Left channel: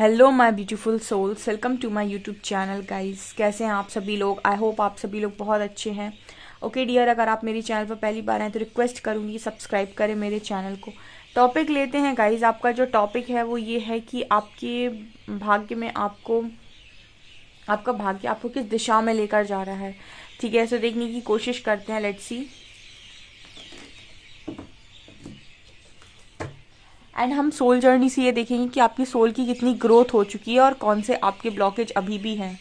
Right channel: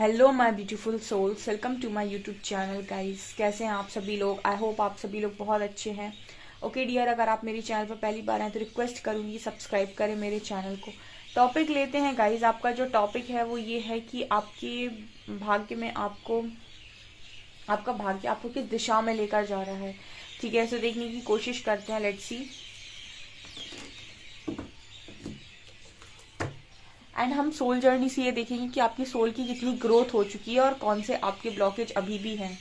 Hello my beautiful souls, welcome to my YouTube channel guys. कैसे हैं आप सभी लोग? आई होप आप सभी लोग बहुत अच्छे हैं। ओके डियर, अगर आप मेरे चैनल पर पहली बार हैं तो रिक्वेस्ट करूंगी सब्सक्राइब करें मेरे चैनल को। टॉपिक लेते हैं गाइस। आपका जो टॉपिक है वो ये है कि आपके भाग्य में आपका भाग्य आपको किस दिशा में लेकर जा रहा है। ठीक है, इसे देखने की कोशिश करते हैं। Let's see. एंड हम सोल जर्नी से ये देखेंगे कि आपकी सोल की कितनी ग्रोथ हो चुकी है और कौन से आपके ब्लॉकेज अभी भी हैं।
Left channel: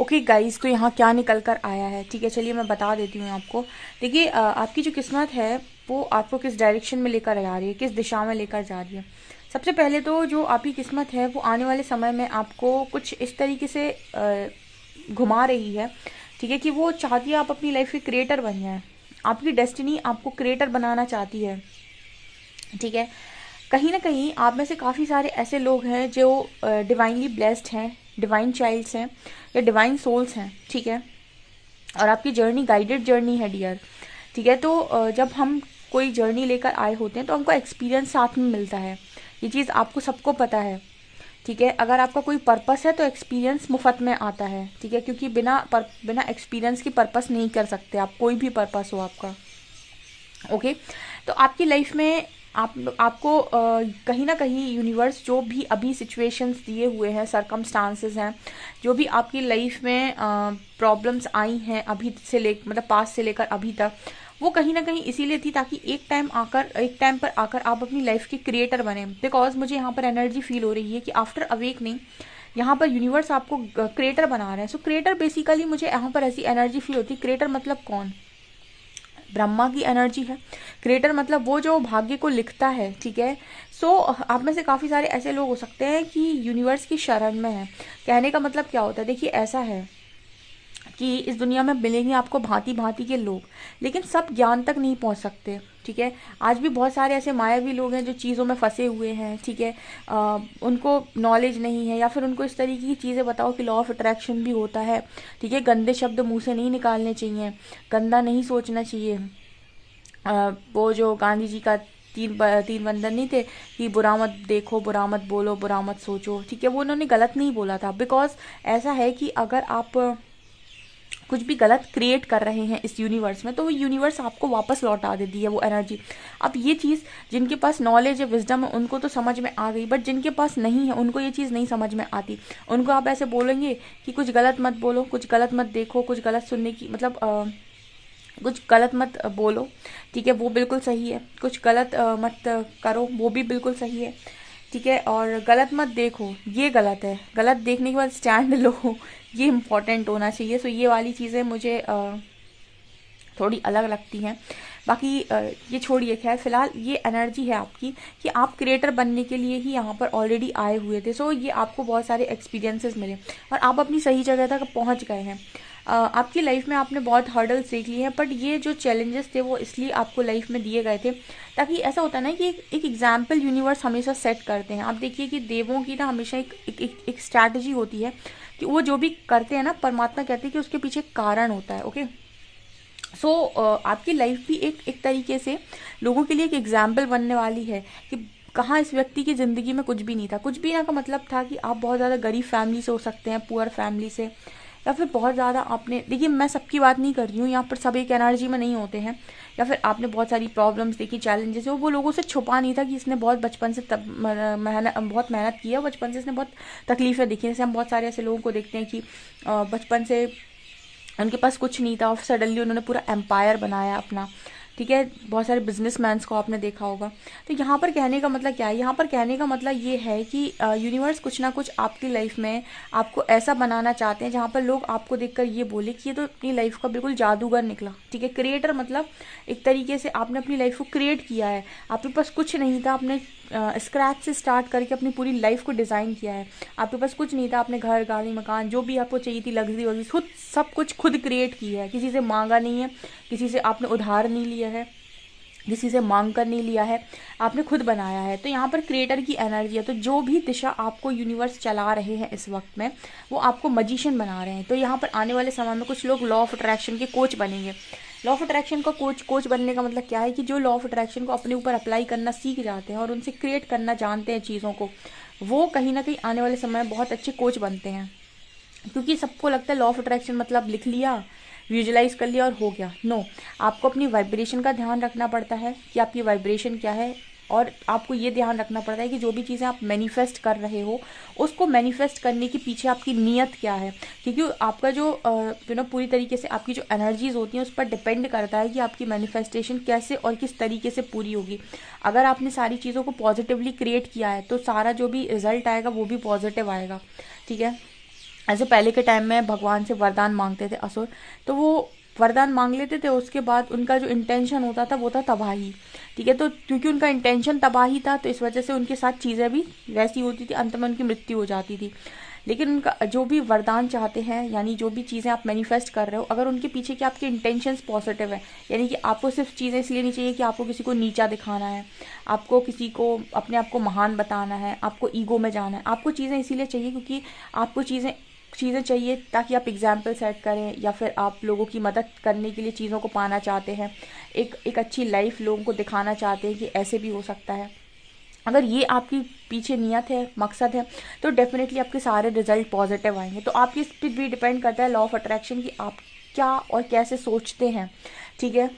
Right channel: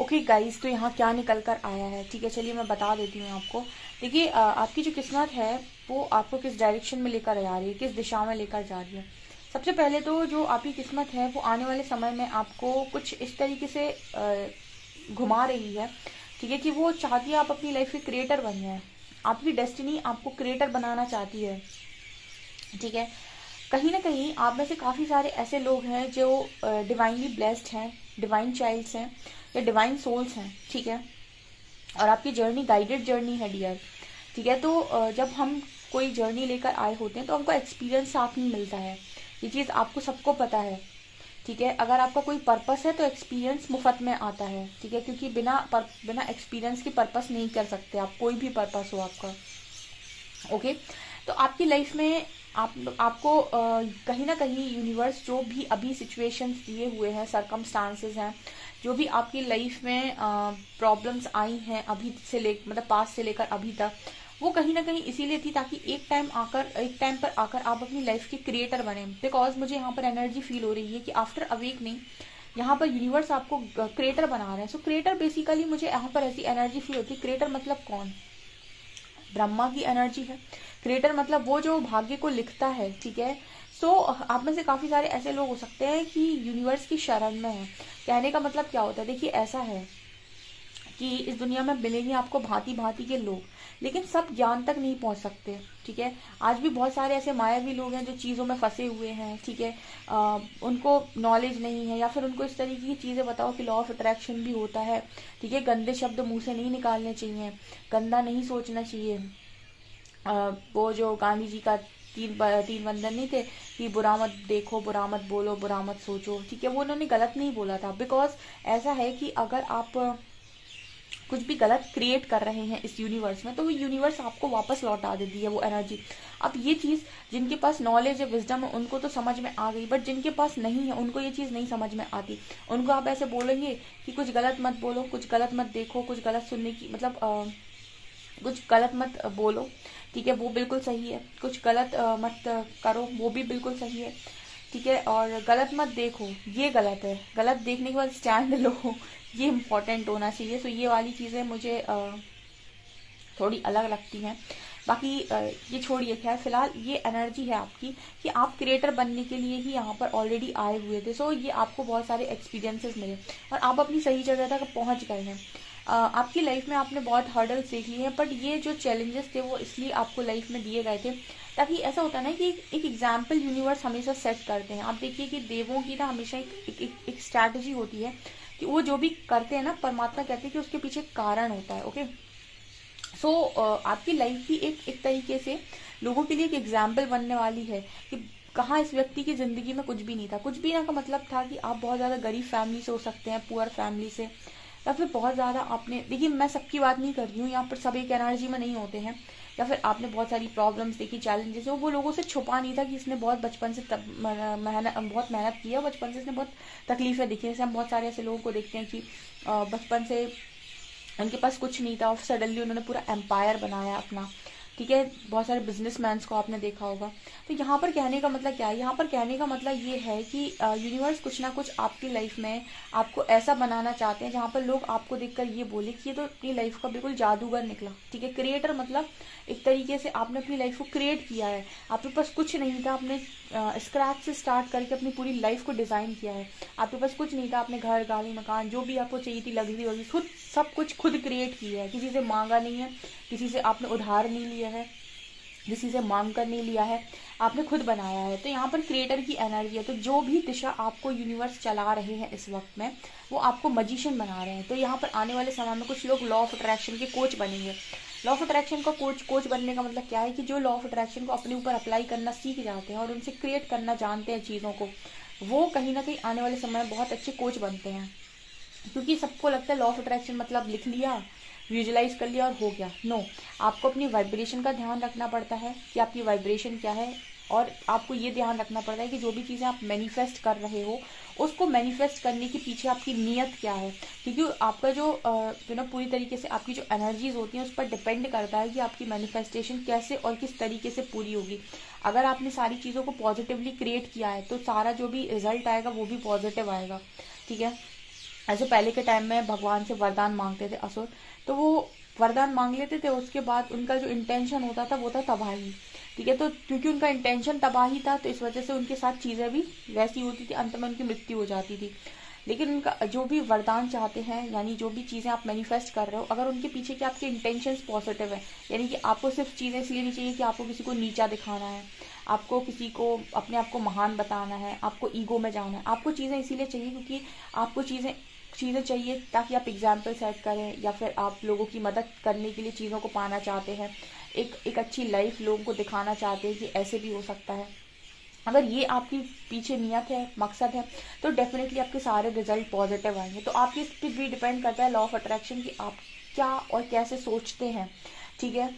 ओके गाइस, तो यहाँ क्या निकल कर आया है। ठीक है, चलिए मैं बता देती हूँ आपको। देखिए, आपकी जो किस्मत है वो आपको किस डायरेक्शन में लेकर जा रही है, किस दिशा में लेकर जा रही है। सबसे पहले तो जो आपकी किस्मत है वो आने वाले समय में आपको कुछ इस तरीके से घुमा रही है। ठीक है, कि वो चाहती है आप अपनी लाइफ के क्रिएटर बन जाए। आपकी डेस्टिनी आपको क्रिएटर बनाना चाहती है। ठीक है, कहीं ना कहीं आप में से काफ़ी सारे ऐसे लोग हैं जो डिवाइनली ब्लेस्ड हैं, डिवाइन चाइल्ड्स हैं या डिवाइन सोल्स हैं। ठीक है, और आपकी जर्नी गाइडेड जर्नी है डियर। ठीक है, तो जब हम कोई जर्नी लेकर आए होते हैं तो हमको एक्सपीरियंस साथ में मिलता है। ये चीज़ आपको सबको पता है। ठीक है, अगर आपका कोई पर्पस है तो एक्सपीरियंस मुफ्त में आता है। ठीक है, क्योंकि बिना एक्सपीरियंस की पर्पस नहीं कर सकते आप, कोई भी पर्पस हो आपका। ओके, तो आपकी लाइफ में आपको कहीं ना कहीं यूनिवर्स जो भी अभी सिचुएशंस दिए हुए हैं, सरकमस्टांसेस हैं, जो भी आपकी लाइफ में प्रॉब्लम्स आई हैं अभी से मतलब पास्ट से लेकर अभी तक, वो कहीं ना कहीं इसीलिए थी ताकि एक टाइम पर आकर आप अपनी लाइफ के क्रिएटर बने। बिकॉज मुझे यहाँ पर एनर्जी फील हो रही है कि आफ्टर अवेकनिंग यहाँ पर यूनिवर्स आपको क्रिएटर बना रहे हैं। सो क्रिएटर बेसिकली मुझे यहाँ पर ऐसी एनर्जी फील होती है। क्रिएटर मतलब कौन? ब्रह्मा की एनर्जी है। क्रिएटर मतलब वो जो भाग्य को लिखता है, ठीक है। सो आप में से काफी सारे ऐसे लोग हो सकते हैं कि यूनिवर्स की शरण में है। कहने का मतलब क्या होता है, देखिए ऐसा है कि इस दुनिया में मिलेंगे आपको भांति भांति के लोग, लेकिन सब ज्ञान तक नहीं पहुंच सकते, ठीक है। आज भी बहुत सारे ऐसे मायावी लोग हैं जो चीज़ों में फंसे हुए हैं, ठीक है। उनको नॉलेज नहीं है, या फिर उनको इस तरीके की चीज़ें बताओ कि लॉ ऑफ अट्रैक्शन भी होता है, ठीक है। गंदे शब्द मुंह से नहीं निकालने चाहिए, गंदा नहीं सोचना चाहिए। वो जो गांधी जी का तीन बंधन नहीं थे कि बुरा मत देखो, बुरा मत बोलो, बुरा मत सोचो, ठीक है। वो उन्होंने गलत नहीं बोला था, बिकॉज ऐसा है कि अगर आप कुछ भी गलत क्रिएट कर रहे हैं इस यूनिवर्स में, तो वो यूनिवर्स आपको वापस लौटा देती है वो एनर्जी। अब ये चीज जिनके पास नॉलेज है, विजडम है, उनको तो समझ में आ गई, बट जिनके पास नहीं है उनको ये चीज नहीं समझ में आती। उनको आप ऐसे बोलेंगे कि कुछ गलत मत बोलो, कुछ गलत मत देखो, कुछ गलत सुनने की मतलब कुछ गलत मत बोलो, ठीक है, वो बिल्कुल सही है। कुछ गलत मत करो, वो भी बिल्कुल सही है, ठीक है। और गलत मत देखो, ये गलत है। गलत देखने के बाद स्टैंड लो, ये इम्पोर्टेंट होना चाहिए। सो ये वाली चीज़ें मुझे थोड़ी अलग लगती हैं। बाकी ये छोड़िए, खैर फिलहाल ये एनर्जी है आपकी कि आप क्रिएटर बनने के लिए ही यहाँ पर ऑलरेडी आए हुए थे। सो ये आपको बहुत सारे एक्सपीरियंसेस मिले और आप अपनी सही जगह तक पहुँच गए हैं। आपकी लाइफ में आपने बहुत हर्डल्स देख लिए हैं, बट ये जो चैलेंजेस थे वो इसलिए आपको लाइफ में दिए गए थे ताकि ऐसा होता है ना कि एक एग्जाम्पल यूनिवर्स हमेशा सेट करते हैं। आप देखिए कि देवों की ना हमेशा एक स्ट्रैटेजी होती है कि वो जो भी करते हैं ना, परमात्मा कहते हैं कि उसके पीछे कारण होता है। ओके, सो आपकी लाइफ भी एक तरीके से लोगों के लिए एक एग्जाम्पल बनने वाली है कि कहाँ इस व्यक्ति की जिंदगी में कुछ भी नहीं था। कुछ भी ना का मतलब था कि आप बहुत ज्यादा गरीब फैमिली से हो सकते हैं, पुअर फैमिली से, या फिर बहुत ज्यादा आपने, देखिए मैं सबकी बात नहीं कर रही हूँ, यहाँ पर सब एक एनर्जी में नहीं होते हैं, या फिर आपने बहुत सारी प्रॉब्लम्स देखी, चैलेंजेस है, वो लोगों से छुपा नहीं था कि इसने बहुत बचपन से बहुत मेहनत की है, बचपन से इसने बहुत तकलीफें देखी। जैसे हम बहुत सारे ऐसे लोगों को देखते हैं कि बचपन से उनके पास कुछ नहीं था और सडनली उन्होंने पूरा एम्पायर बनाया अपना, ठीक है। बहुत सारे बिजनेसमैन्स को आपने देखा होगा। तो यहाँ पर कहने का मतलब क्या है, यहाँ पर कहने का मतलब ये है कि यूनिवर्स कुछ ना कुछ आपकी लाइफ में आपको ऐसा बनाना चाहते हैं जहाँ पर लोग आपको देखकर ये बोले कि ये तो अपनी लाइफ का बिल्कुल जादूगर निकला, ठीक है। क्रिएटर मतलब एक तरीके से आपने अपनी लाइफ को क्रिएट किया है। आपके पास कुछ नहीं था, आपने स्क्रैच से स्टार्ट करके अपनी पूरी लाइफ को डिजाइन किया है। आपके पास कुछ नहीं था, आपने घर, गाड़ी, मकान, जो भी आपको चाहिए थी, लग्जरी वगैरह, खुद सब कुछ खुद क्रिएट किया है। किसी से मांगा नहीं है, किसी से आपने उधार नहीं लिया है, किसी से मांग कर नहीं लिया है, आपने खुद बनाया है। तो यहाँ पर क्रिएटर की एनर्जी है। तो जो भी दिशा आपको यूनिवर्स चला रहे हैं इस वक्त में, वो आपको मजिशियन बना रहे हैं। तो यहाँ पर आने वाले समय में कुछ लोग लॉ ऑफ अट्रैक्शन के कोच बनेंगे। लॉ ऑफ अट्रैक्शन का कोच बनने का मतलब क्या है कि जो लॉ ऑफ अट्रैक्शन को अपने ऊपर अप्लाई करना सीख जाते हैं और उनसे क्रिएट करना जानते हैं चीज़ों को, वो कहीं ना कहीं आने वाले समय में बहुत अच्छे कोच बनते हैं। क्योंकि सबको लगता है लॉ ऑफ अट्रैक्शन मतलब लिख लिया, विजुलाइज कर लिया और हो गया। नो, आपको अपनी वाइब्रेशन का ध्यान रखना पड़ता है कि आपकी वाइब्रेशन क्या है, और आपको ये ध्यान रखना पड़ता है कि जो भी चीज़ें आप मैनिफेस्ट कर रहे हो उसको मैनिफेस्ट करने के पीछे आपकी नीयत क्या है। क्योंकि आपका जो पूरी तरीके से आपकी जो एनर्जीज होती हैं उस पर डिपेंड करता है कि आपकी मैनिफेस्टेशन कैसे और किस तरीके से पूरी होगी। अगर आपने सारी चीज़ों को पॉजिटिवली क्रिएट किया है तो सारा जो भी रिजल्ट आएगा वो भी पॉजिटिव आएगा, ठीक है। ऐसे पहले के टाइम में भगवान से वरदान मांगते थे असुर, तो वो वरदान मांग लेते थे, उसके बाद उनका जो इंटेंशन होता था वो था तबाही, ठीक है। तो क्योंकि उनका इंटेंशन तबाही था तो इस वजह से उनके साथ चीजें भी वैसी होती थी, अंत में उनकी मृत्यु हो जाती थी। लेकिन उनका जो भी वरदान चाहते हैं, यानी जो भी चीजें आप मैनिफेस्ट कर रहे हो, अगर उनके पीछे के आपके इंटेंशंस पॉजिटिव है, यानी कि आपको सिर्फ चीजें इसलिए नहीं चाहिए कि आपको किसी को नीचा दिखाना है, आपको किसी को अपने आप को महान बताना है, आपको ईगो में जाना है। आपको चीजें इसीलिए चाहिए क्योंकि आपको चीजें चाहिए ताकि आप एग्जाम्पल सेट करें, या फिर आप लोगों की मदद करने के लिए चीज़ों को पाना चाहते हैं, एक अच्छी लाइफ लोगों को दिखाना चाहते हैं कि ऐसे भी हो सकता है। अगर ये आपकी पीछे नियत है, मकसद है, तो डेफिनेटली आपके सारे रिजल्ट पॉजिटिव आएंगे। तो आपकी इस पर भी डिपेंड करता है लॉ ऑफ अट्रैक्शन की आप क्या और कैसे सोचते हैं, ठीक है।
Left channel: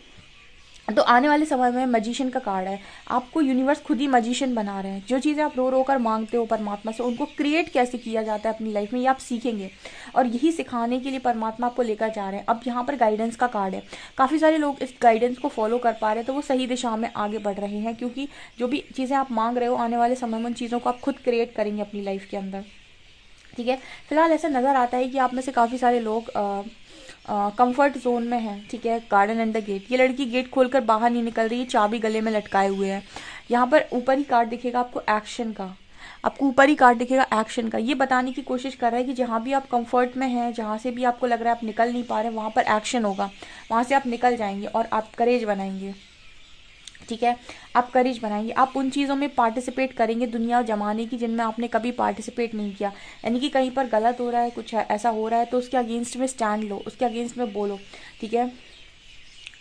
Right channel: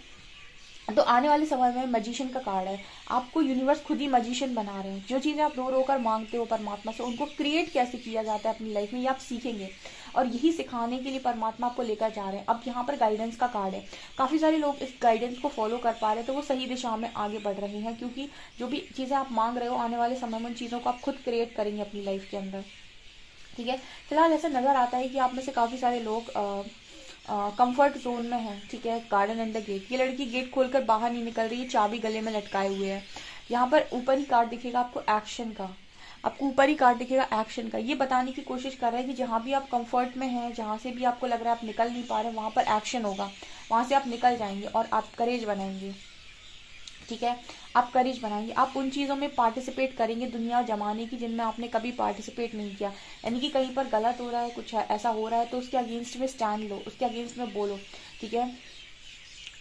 तो आने वाले समय में मजिशियन का कार्ड है, आपको यूनिवर्स खुद ही मजिशियन बना रहे हैं। जो चीजें आप रो रो कर मांगते हो परमात्मा से, उनको क्रिएट कैसे किया जाता है अपनी लाइफ में, ये आप सीखेंगे, और यही सिखाने के लिए परमात्मा आपको लेकर जा रहे हैं। अब यहाँ पर गाइडेंस का कार्ड है, काफी सारे लोग इस गाइडेंस को फॉलो कर पा रहे हैं, तो वो सही दिशा में आगे बढ़ रहे हैं, क्योंकि जो भी चीजें आप मांग रहे हो आने वाले समय में उन चीजों को आप खुद क्रिएट करेंगे अपनी लाइफ के अंदर। ठीक है। फिलहाल ऐसा नजर आता है कि आप में से काफी सारे लोग कंफर्ट जोन में है। ठीक है, गार्डन एंड द गेट, ये लड़की गेट खोलकर बाहर नहीं निकल रही है, चाबी गले में लटकाए हुए है। यहाँ पर ऊपर ही कार्ड दिखेगा आपको एक्शन का, आपको ऊपर ही कार्ड दिखेगा एक्शन का। ये बताने की कोशिश कर रहा है कि जहां भी आप कंफर्ट में हैं, जहां से भी आपको लग रहा है आप निकल नहीं पा रहे, वहां पर एक्शन होगा, वहां से आप निकल जाएंगे और आप करेज बनाएंगे। ठीक है, आप करेज बनाएंगे, आप उन चीज़ों में पार्टिसिपेट करेंगे दुनिया और जमाने की जिनमें आपने कभी पार्टिसिपेट नहीं किया। यानी कि कहीं पर गलत हो रहा है, कुछ ऐसा हो रहा है तो उसके अगेंस्ट में स्टैंड लो, उसके अगेंस्ट में बोलो। ठीक है,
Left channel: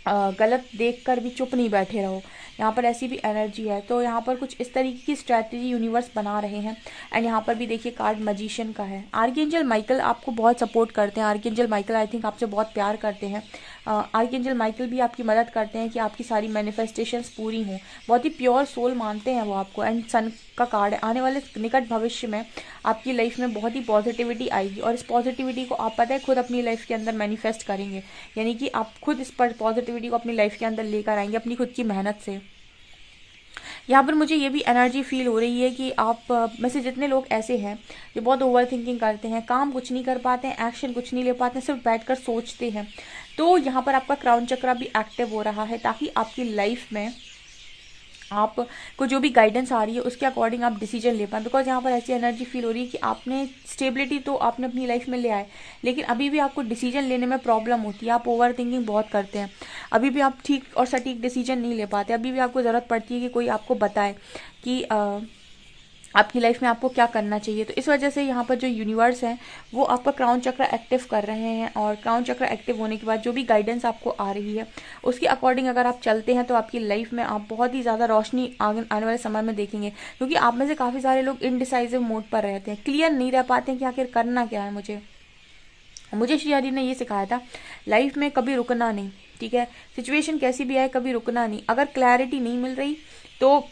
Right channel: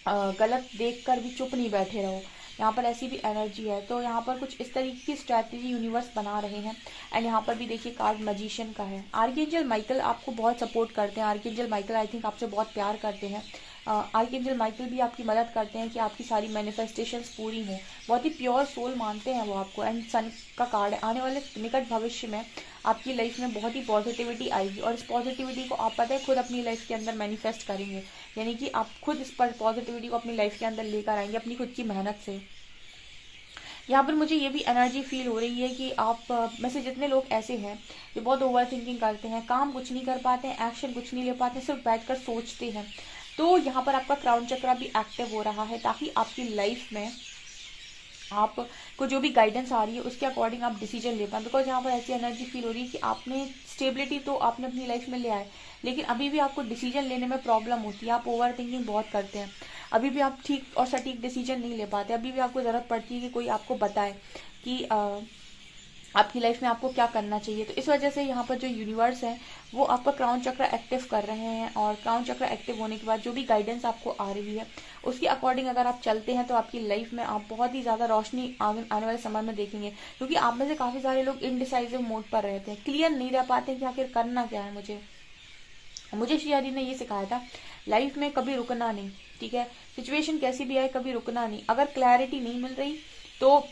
गलत देखकर भी चुप नहीं बैठे रहो। यहाँ पर ऐसी भी एनर्जी है। तो यहाँ पर कुछ इस तरीके की स्ट्रैटेजी यूनिवर्स बना रहे हैं। एंड यहाँ पर भी देखिए कार्ड मजिशियन का है। आर्कएंजल माइकल आपको बहुत सपोर्ट करते हैं, आर्कएंजल माइकल आई थिंक आपसे बहुत प्यार करते हैं। आर्कएंजल माइकल भी आपकी मदद करते हैं कि आपकी सारी मैनिफेस्टेशंस पूरी हों। बहुत ही प्योर सोल मानते हैं वो आपको। एंड सन का कार्ड है, आने वाले निकट भविष्य में आपकी लाइफ में बहुत ही पॉजिटिविटी आएगी और इस पॉजिटिविटी को आप पता है खुद अपनी लाइफ के अंदर मैनिफेस्ट करेंगे। यानी कि आप खुद इस पर पॉजिटिविटी को अपनी लाइफ के अंदर लेकर आएंगे अपनी खुद की मेहनत से। यहाँ पर मुझे ये भी एनर्जी फील हो रही है कि आप में से जितने लोग ऐसे हैं जो बहुत ओवर थिंकिंग करते हैं, काम कुछ नहीं कर पाते हैं, एक्शन कुछ नहीं ले पाते हैं, सिर्फ बैठकर सोचते हैं, तो यहाँ पर आपका क्राउन चक्रा भी एक्टिव हो रहा है ताकि आपकी लाइफ में आपको जो भी गाइडेंस आ रही है उसके अकॉर्डिंग आप डिसीजन ले पाए। बिकॉज यहाँ पर ऐसी एनर्जी फील हो रही है कि आपने स्टेबिलिटी तो आपने अपनी लाइफ में ले आए, लेकिन अभी भी आपको डिसीजन लेने में प्रॉब्लम होती है, आप ओवर थिंकिंग बहुत करते हैं, अभी भी आप ठीक और सटीक डिसीजन नहीं ले पाते, अभी भी आपको जरूरत पड़ती है कि कोई आपको बताए कि आपकी लाइफ में आपको क्या करना चाहिए। तो इस वजह से यहाँ पर जो यूनिवर्स है वो आपका क्राउन चक्र एक्टिव कर रहे हैं और क्राउन चक्र एक्टिव होने के बाद जो भी गाइडेंस आपको आ रही है उसके अकॉर्डिंग अगर आप चलते हैं तो आपकी लाइफ में आप बहुत ही ज़्यादा रोशनी आने वाले समय में देखेंगे। क्योंकि आप में से काफ़ी सारे लोग इनडिसाइसिव मोड पर रहते हैं, क्लियर नहीं रह पाते हैं कि आखिर करना क्या है। मुझे श्री जी ने ये सिखाया था लाइफ में कभी रुकना नहीं। ठीक है, सिचुएशन कैसी भी आए कभी रुकना नहीं। अगर क्लैरिटी नहीं मिल रही तो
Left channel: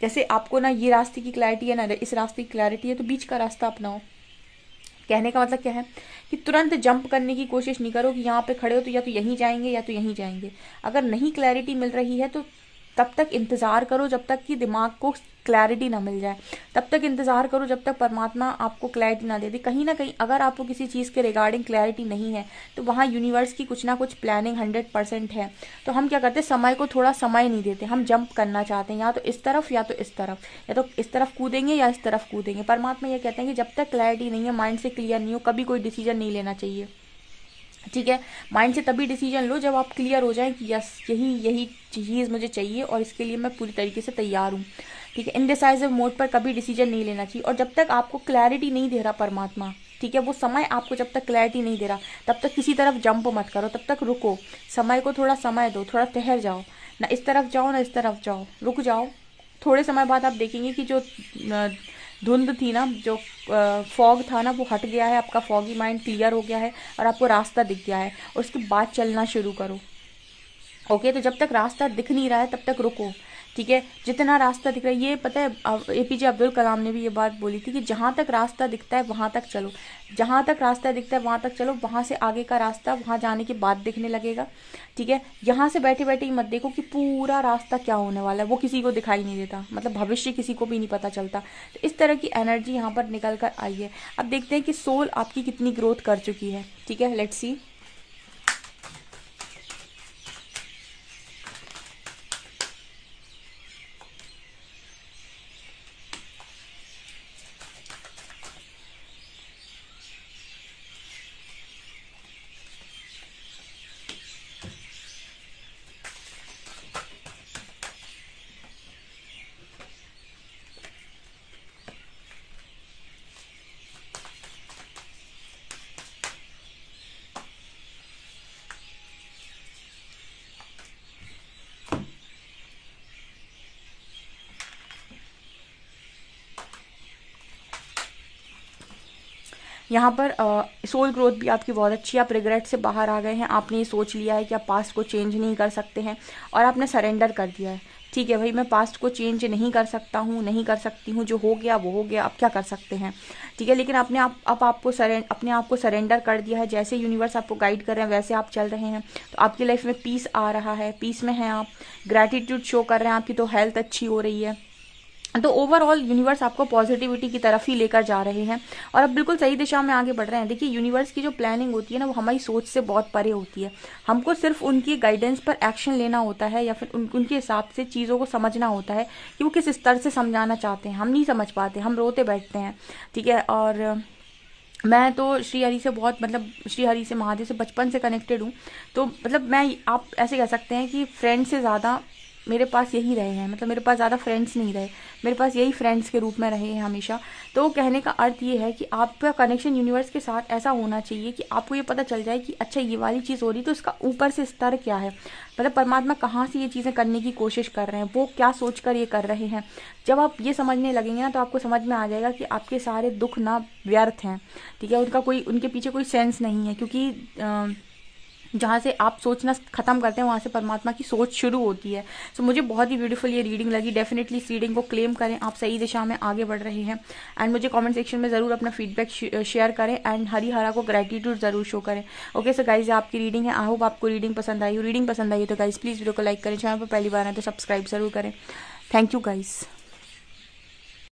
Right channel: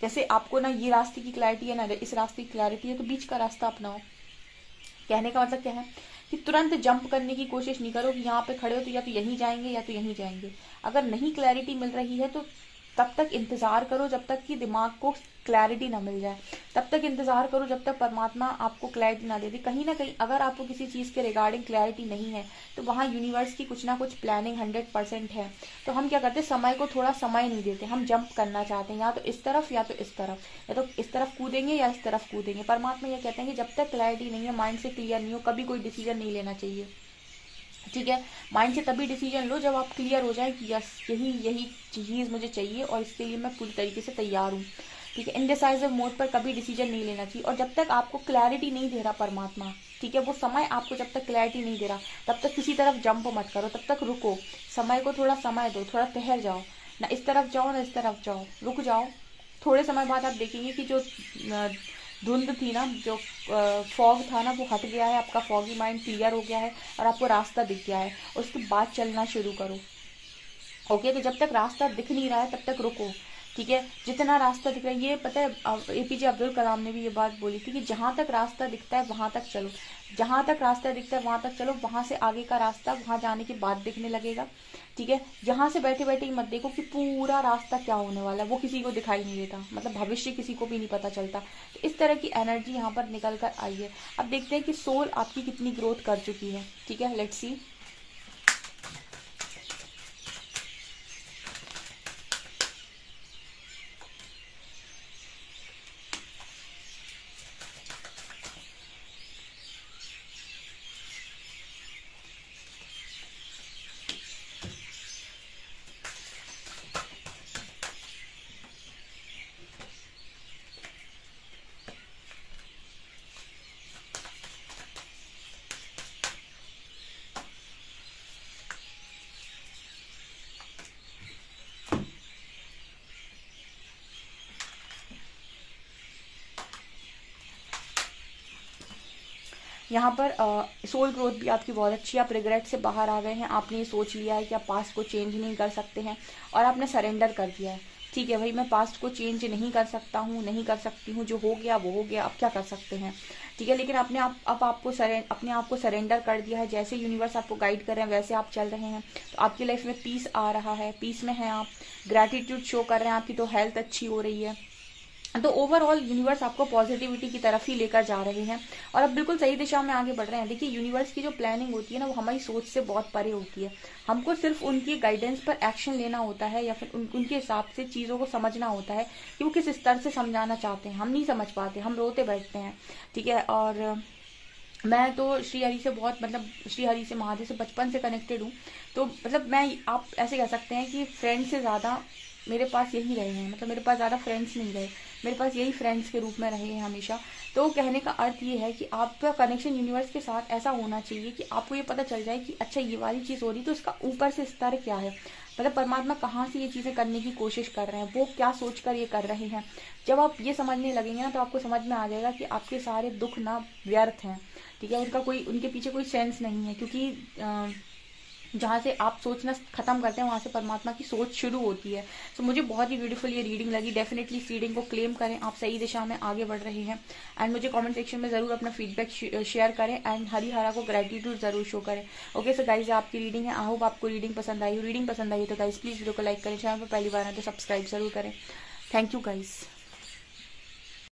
जैसे आपको ना ये रास्ते की क्लैरिटी है ना इस रास्ते की क्लैरिटी है तो बीच का रास्ता अपनाओ। कहने का मतलब क्या है कि तुरंत जंप करने की कोशिश नहीं करो कि यहाँ पे खड़े हो तो या तो यहीं जाएंगे या तो यहीं जाएंगे। अगर नहीं क्लैरिटी मिल रही है तो तब तक इंतजार करो जब तक कि दिमाग को क्लैरिटी ना मिल जाए, तब तक इंतजार करो जब तक परमात्मा आपको क्लैरिटी ना दे दे। कहीं ना कहीं अगर आपको किसी चीज़ के रिगार्डिंग क्लैरिटी नहीं है तो वहाँ यूनिवर्स की कुछ ना कुछ प्लानिंग 100% है। तो हम क्या करते हैं, समय को थोड़ा समय नहीं देते, हम जंप करना चाहते हैं या तो इस तरफ या तो इस तरफ, या तो इस तरफ कूदेंगे या इस तरफ कूदेंगे। परमात्मा ये कहते हैं कि जब तक क्लैरिटी नहीं है, माइंड से क्लियर नहीं हो, कभी कोई डिसीजन नहीं लेना चाहिए। ठीक है, माइंड से तभी डिसीजन लो जब आप क्लियर हो जाए कि यस यही चीज़ मुझे चाहिए और इसके लिए मैं पूरी तरीके से तैयार हूँ। ठीक है, इनडिसाइसिव मोड पर कभी डिसीजन नहीं लेना चाहिए। और जब तक आपको क्लैरिटी नहीं दे रहा परमात्मा, ठीक है, वो समय आपको जब तक क्लैरिटी नहीं दे रहा तब तक किसी तरफ जंप मत करो, तब तक रुको, समय को थोड़ा समय दो, थोड़ा ठहर जाओ, ना इस तरफ जाओ ना इस तरफ जाओ, रुक जाओ। थोड़े समय बाद आप देखेंगे कि जो धुंध थी ना, जो फॉग था ना, वो हट गया है, आपका फॉगी माइंड क्लियर हो गया है और आपको रास्ता दिख गया है और उसके बाद चलना शुरू करो। ओके, तो जब तक रास्ता दिख नहीं रहा है तब तक रुको। ठीक है, जितना रास्ता दिख रहा है, ये पता है एपीजे अब्दुल कलाम ने भी ये बात बोली थी कि जहां तक रास्ता दिखता है वहां तक चलो, जहां तक रास्ता दिखता है वहां तक चलो, वहां से आगे का रास्ता वहां जाने के बाद दिखने लगेगा। ठीक है, यहाँ से बैठे बैठे ही मत देखो कि पूरा रास्ता क्या होने वाला है, वो किसी को दिखाई नहीं देता, मतलब भविष्य किसी को भी नहीं पता चलता। तो इस तरह की एनर्जी यहाँ पर निकल कर आई है। अब देखते हैं कि सोल आपकी कितनी ग्रोथ कर चुकी है। ठीक है, लेट्स सी। यहाँ पर सोल ग्रोथ भी आपकी बहुत अच्छी है। आप रिग्रेट से बाहर आ गए हैं, आपने ये सोच लिया है कि आप पास्ट को चेंज नहीं कर सकते हैं और आपने सरेंडर कर दिया है। ठीक है भाई, मैं पास्ट को चेंज नहीं कर सकता हूँ, नहीं कर सकती हूँ, जो हो गया वो हो गया, अब क्या कर सकते हैं। ठीक है, लेकिन अपने आप को सरेंडर कर दिया है। जैसे यूनिवर्स आपको गाइड कर रहे हैं वैसे आप चल रहे हैं तो आपकी लाइफ में पीस आ रहा है, पीस में है आप, ग्रैटिट्यूड शो कर रहे हैं, आपकी तो हेल्थ अच्छी हो रही है, तो ओवरऑल यूनिवर्स आपको पॉजिटिविटी की तरफ ही लेकर जा रहे हैं और अब बिल्कुल सही दिशा में आगे बढ़ रहे हैं। देखिए, यूनिवर्स की जो प्लानिंग होती है ना, वो हमारी सोच से बहुत परे होती है। हमको सिर्फ उनकी गाइडेंस पर एक्शन लेना होता है या फिर उनके हिसाब से चीज़ों को समझना होता है कि वो किस स्तर से समझाना चाहते हैं। हम नहीं समझ पाते, हम रोते बैठते हैं, ठीक है। और मैं तो श्री हरि से बहुत, मतलब श्री हरि से, महादेव से बचपन से कनेक्टेड हूँ। तो मतलब मैं, आप ऐसे कह सकते हैं कि फ्रेंड से ज़्यादा मेरे पास यही रहे हैं, मतलब मेरे पास ज़्यादा फ्रेंड्स नहीं रहे, मेरे पास यही फ्रेंड्स के रूप में रहे हैं हमेशा। तो कहने का अर्थ ये है कि आपका कनेक्शन यूनिवर्स के साथ ऐसा होना चाहिए कि आपको ये पता चल जाए कि अच्छा ये वाली चीज़ हो रही, तो इसका ऊपर से स्तर क्या है, मतलब परमात्मा कहाँ से ये चीज़ें करने की कोशिश कर रहे हैं, वो क्या सोच कर ये कर रहे हैं। जब आप ये समझने लगेंगे ना, तो आपको समझ में आ जाएगा कि आपके सारे दुख ना व्यर्थ हैं, ठीक है। उनके पीछे कोई सेंस नहीं है, क्योंकि जहाँ से आप सोचना खत्म करते हैं वहाँ से परमात्मा की सोच शुरू होती है। सो मुझे बहुत ही ब्यूटीफुल ये रीडिंग लगी। डेफिनेटली इस रीडिंग को क्लेम करें, आप सही दिशा में आगे बढ़ रहे हैं। एंड मुझे कमेंट सेक्शन में जरूर अपना फीडबैक शेयर करें एंड हरिहरा को ग्रेटिट्यूड जरूर शो करें। ओके सो गाइज, आपकी रीडिंग है, आई होप आपको रीडिंग पसंद आई हो। रीडिंग पसंद आई तो गाइज प्लीज वीडियो को लाइक करें, चैनल पर पहली बार है तो सब्सक्राइब जरूर करें। Thank you guys.